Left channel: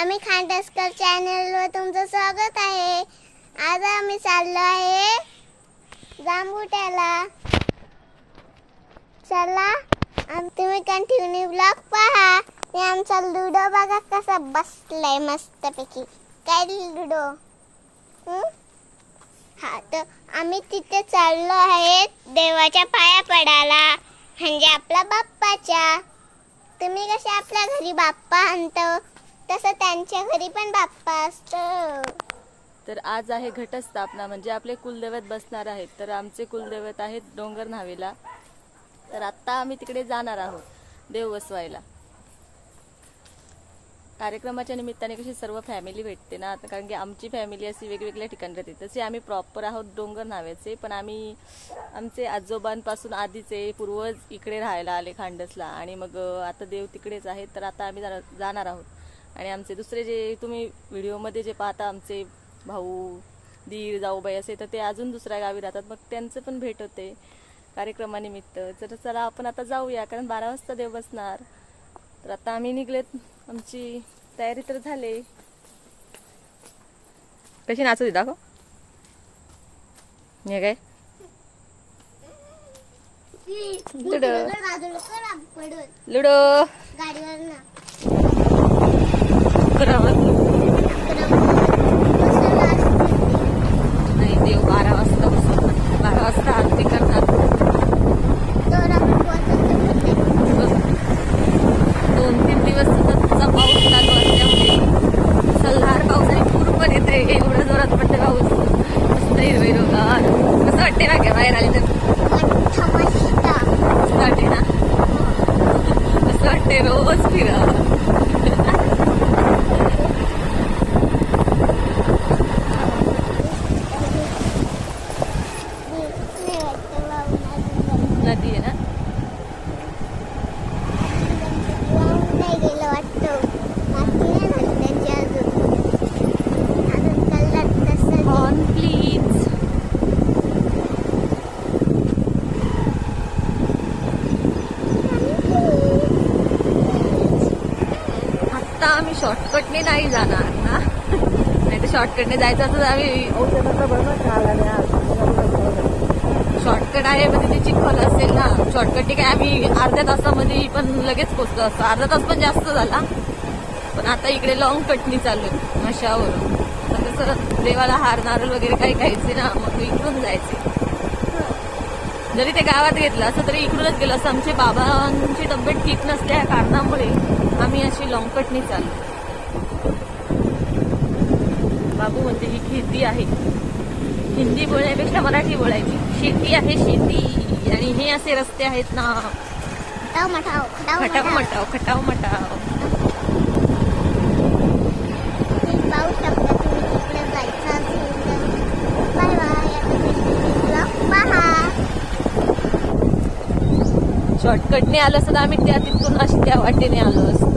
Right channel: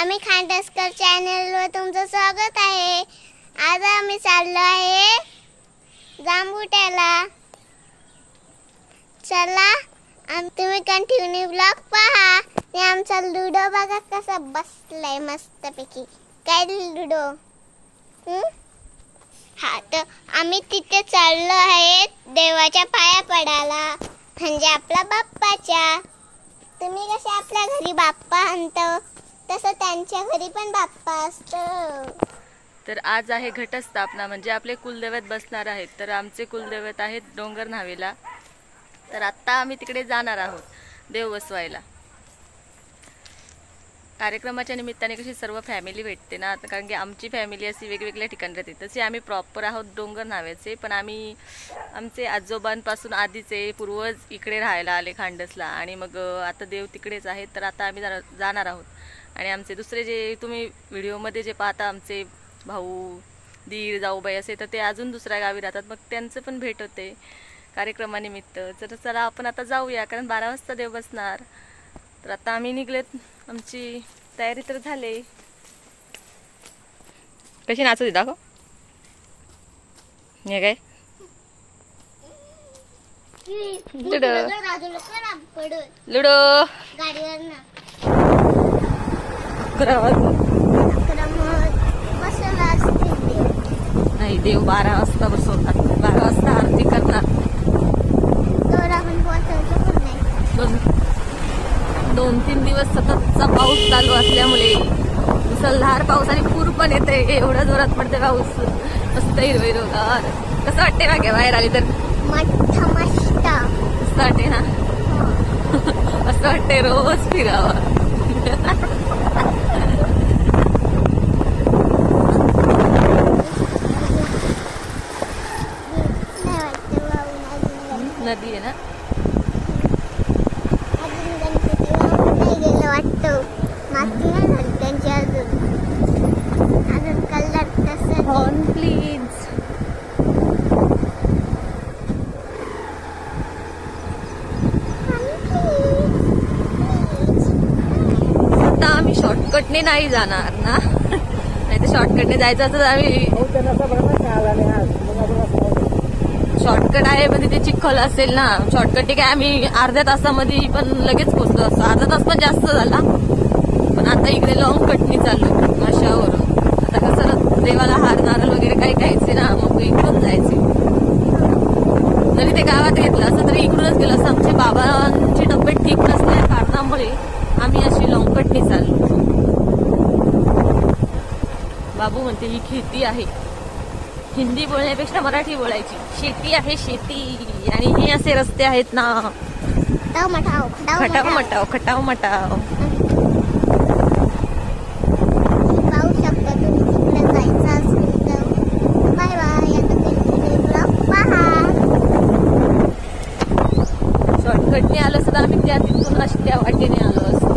आम्ही खांडसकर चॅनलवर तुमचं स्वागत आहे। आज आम्ही चाललो आहे जांबुट्याला। चला तुम्ही कंटिन्यू ब्लॉग पहा। हे आमचा लुडो बघा कसा बसलाय मस्तपैकी। काय लुडो हा तर आम्ही तिथे चाललो आहे देवाच्या पाया पडायला, म्हणजे आपल्या बाप्पाच्या। तुम्ही कसे आपल्या घरी बाप्पा आणतो तसं त्यांच्या घरी पण बाप्पा असतो। तर आज आहे घटस्थापना, म्हणजे आपले कुलदैवत बसणार आहेत। तर आमचे कुलदैवत आहेत डोंगर न्हावेला। तर आता आम्ही तिकडे जाणार आहोत देव बसवायला। कार्यक्रमाच्या निमित्ताने कशी सर्व फॅमिली भेटते ना, कारण की आमची फॅमिली अशी वेगवेगळ्या ठिकाणी राहते। तसे आम्ही प्रॉपर आहोत डोंगर न्हाव्याचे, पण आम्ही आमचे आजोबांपासून आधीचे पूर्वज इकडे राहायला आले खांडसला, आणि मग आता देव तिकडेच आहेत। तर आता आम्ही जाणार आहोत। आणि आमचे दुसरे जे तुम्ही व्हिडिओमध्ये जे पाहता आमचे भाऊ दीर जाऊबाई असे, तर ते अजून दुसऱ्या गावी राहतात, मग त्यांचं पण भेट होते कार्यक्रमानिमित्त। तर चला आपण आता जाऊया, कारण 12 वाजता देव बसणार। तर आता आम्ही निघलेत, आमची तयारी तर झाली। कशी नाचत दाखव हे काय लुडो लुडो देव 12 वाजता बसवतात, 12 वाजता आरती करतात। 2-3 दिवस सततचा पाऊस चालू असल्यामुळे मुसळधार पावसाने पूर पण येते। एवढा जोरात पडते पाऊस, मस्त हिरवेगार। कसं वाटते ना बाहेर आली तर वाटते ना, असं वाटते रोज फिरावं। नदी आहे ना, हॉर्न प्लीज। आता आम्ही शॉर्टकटने नाही जाणार ना, आता शॉर्टकटने जायचं तर आम्ही शॉर्टकट आहे, पण तिथे चिखल असेल ना। शॉर्टकट काय आम्ही अर्ध्या तासामध्ये पण लगेच पोहोचलो असतो, अर्धा तास पण जास्त झाला। पण आता इकडे लॉंग कटनी चालू अशावर, आता कसं देवाला हार मारल वगैरे काही खायचे ना, मग इकडून जायचे। जरी ते गावात घेतलं असं तरी इकडूनच गेलं असं। आमच्या बाबांची तब्येत ठीक नसल्या कारणामुळे आम्ही अशी लॉंग कटनी चाललो। बाबू म्हणते ही खेती आहे, हिंदी बोलण्यापेक्षा मराठी बोलायची। शेती आहे शेती, आणि हे असे रस्ते आहेत ना, खटाव मटाव खटाव मटाव। शॉर्टकटने आलं सुद्धा आम्ही त्या तिथून अशी त्या वाटेने आलो असतो।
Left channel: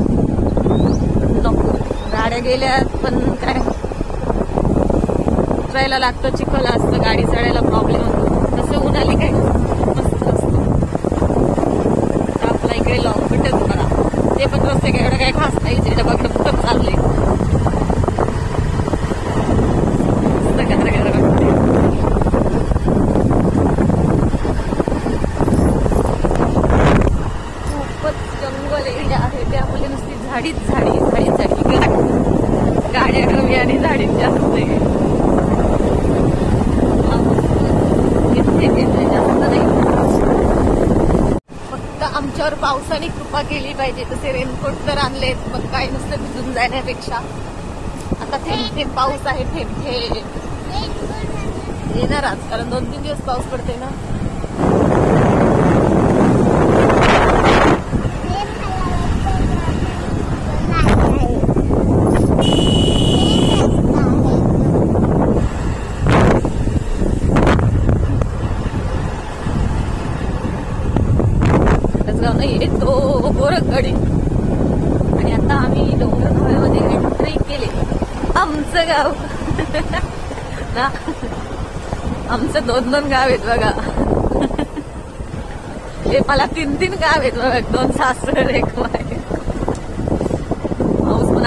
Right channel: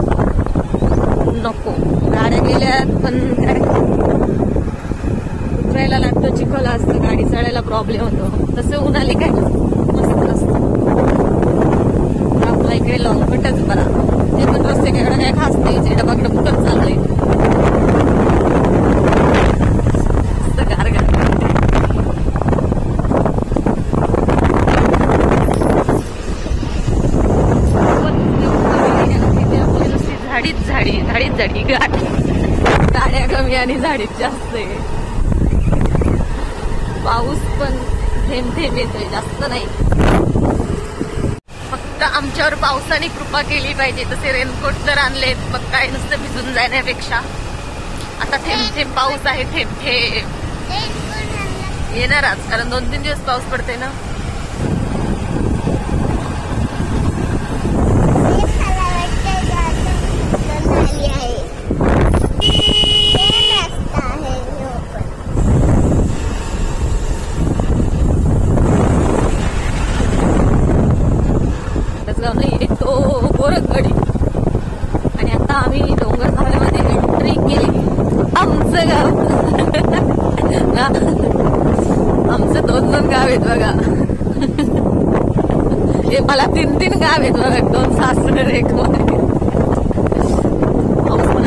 नको गाड्या गेल्यात, पण उतरायला लागतं, चिखल असतं, गाडी चढायला प्रॉब्लेम होतो। तसं उन्हाले काय मस्त असतं। आपल्याला गेलं कुठंच करा, हे पण रस्ते गेलं काय खास नाही, डबक डबकत चाललंय। झाडीच झाडी झाडीच झाडी, गाड्या कमी आणि झाडीच जास्त आहे। पाऊस पण थेंब थेंब येतोय, जास्त नाही। फक्त आमच्यावर पावसाने कृपा केली पाहिजे। तसे रेनकोट तर आणलेत, मग काय नुसतं भिजून जाण्यापेक्षा आता थेंब थेंब पाऊस आहे, थेंब थेंब येणारच, कारण 2-3 दिवस पाऊस पडते ना। येतो गोरखगडी, आणि आता आम्ही डोंगर न्हावेमध्ये एंट्री केली। आमचं गाव आमचं 2-2 गाव आहेत बघा। हे मला 3-3 गाव आहेत बघा, 2 सासरे एक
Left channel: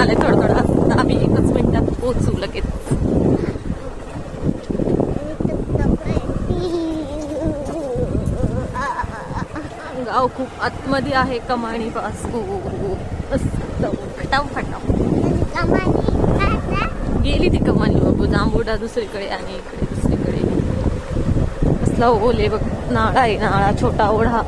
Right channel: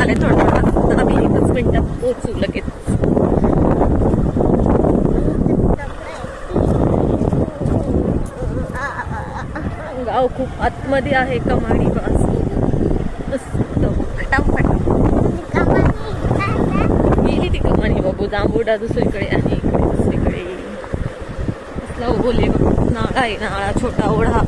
झालंय थोडं थोडं. आम्ही 1 मिनिटात पोहोचू लगेच. गाव खूप आतमध्ये आहे. कमानी पासून फटाफट गेली ती कमानी बाबू. जांभुडा दुसरीकडे आहे. दुसरीकडे कसला ओले बघ. नाळा आहे. नाळा छोटा ओढा.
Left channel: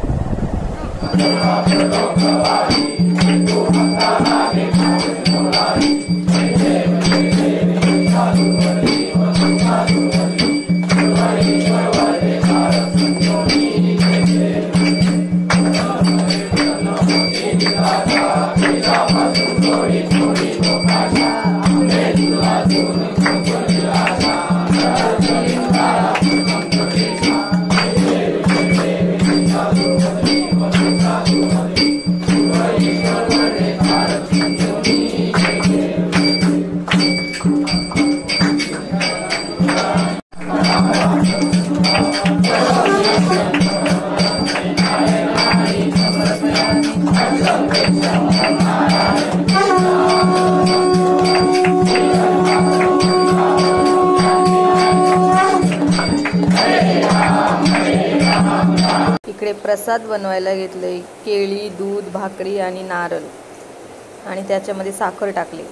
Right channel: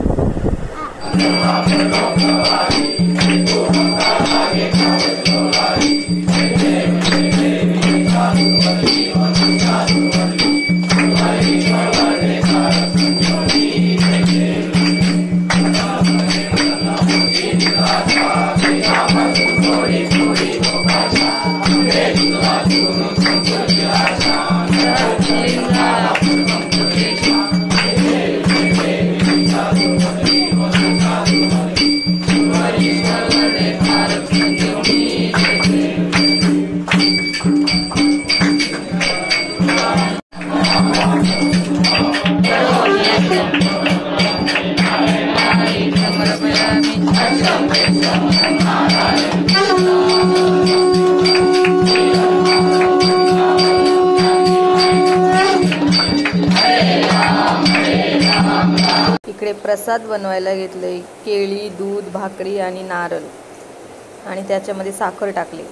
इकडे प्रसाद बनवायला घेतले. केळी, दूध, भाकरी आणि नारळ आणि त्याच्यामध्ये साखर टाकली.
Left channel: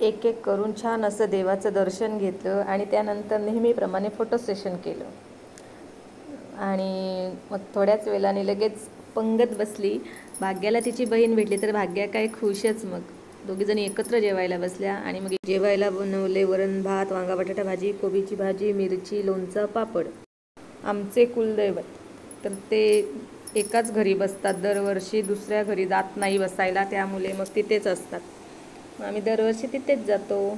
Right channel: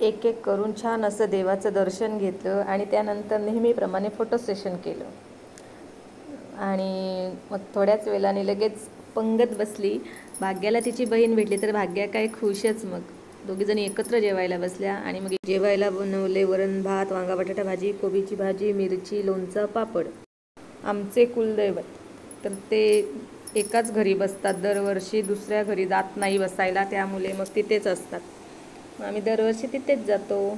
एक एक करून छान असं देवाचं दर्शन घेतलं आणि त्यानंतर नेहमीप्रमाणे फोटो सेशन केलं. आणि मग थोड्याच वेळाने लगेच पंगत बसली. भाग्याला तिची बहीण भेटली तर भाग्या काय खुशच. मग दोघीजणी एकत्र जेवायला बसल्या आणि मग जेवायला बनवले वरण भात, वांगा बटाटा भाजी, कोबीची भाजी, मिरची, लोणचं, पापड. आमचे कुलदैवत तर ते एकाच घरी बसतात दरवर्षी. दुसऱ्या घरी जात नाही बसायला. त्यामुळे मग तिथेच असतात. आम्ही दरवर्षी तिथेच जातो.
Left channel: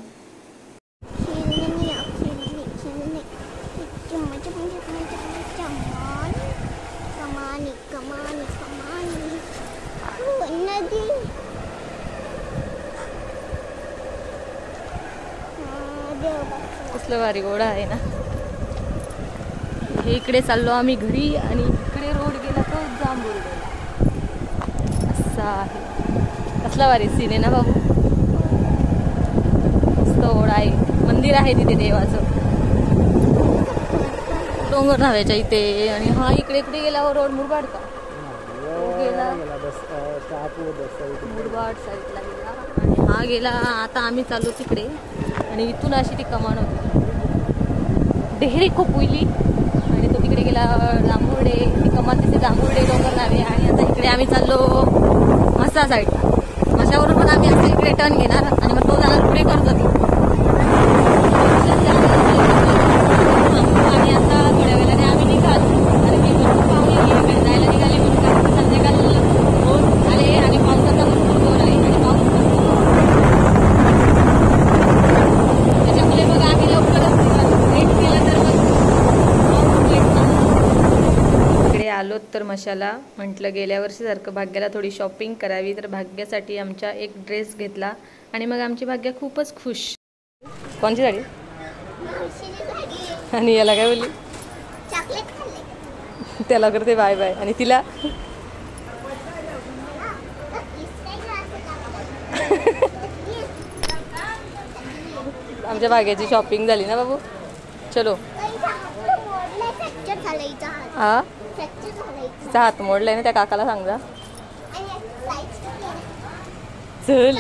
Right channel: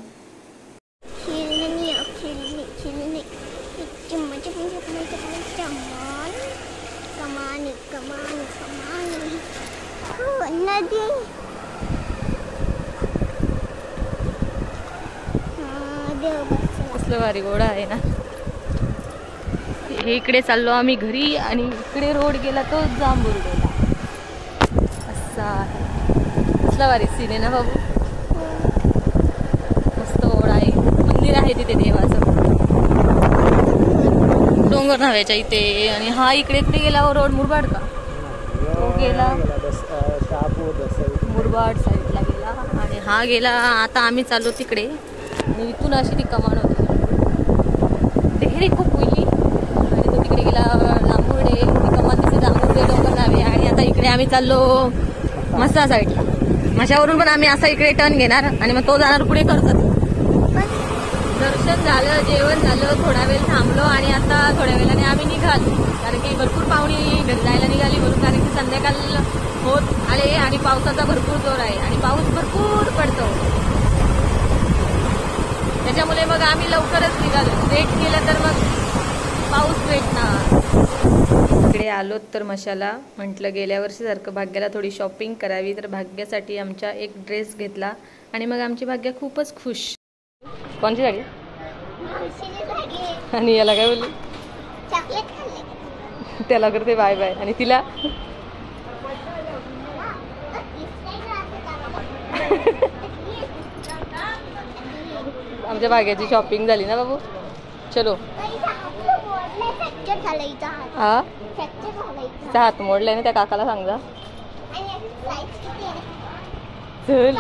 कसलं भारी गोडा आहे ना. हे इकडे चाललो आम्ही घरी आणि इकडे रोड गेला तो जांभूळ गेला. असा आहे. कसला भारी सीन आहे ना बाबू. मस्त ओढा आहे. मंदिर आहे तिथे देवाचं. डोंगर नाव्याच्या इथे. आणि हा इकडे इकडे गेला रोड मुरबाड का गेला. मुरबाड साईडला गेला आणि हा गेला. आता आम्ही चाललो तिकडे आणि इथून अशी ती कमान होती. डेहरी खूप होईली आणि तो तिकडे गेला जांभुर्डे. ती कमान तिथे जांभुर्डे डोंगर लागले. आणि आता इकडे आम्ही चाललो मसा साईडला. मशावरून पण आम्ही असा इकडे टर्न घेणार आणि मग तो जाणार पुढे करतो. दर्शन झालं, जेवण झालं, थोडा वेळ थांबलो आणि आता थोड्या वेळाने आम्ही निघालो. आणि भरपूर पाहुणे संध्याकाळ होत आले आणि पावसाचा भरपूर जोर आहे. पाऊस भरपूर पडतो. त्याच्यामुळे मग आम्ही लवकरच निघालो. लेट केलं तर मग पाऊस भेटणार. इकडे आलो तर मशाला म्हटलं गेल्या वर्षीसारखं भाग्याला थोडी शॉपिंग करावी. तर भाग्यासाठी आमच्या एक ड्रेस घेतला आणि मग आमची भाग्या खूपच खुश. कोणची झाली आणि याला काय बोलली. त्याला करते बाय बाय आणि तिला आमच्या भाग्याची शॉपिंग झाली ना बाबू. चलो. हा तिचा हात मोडलाय ना. त्या काकाला सांग जा. चल.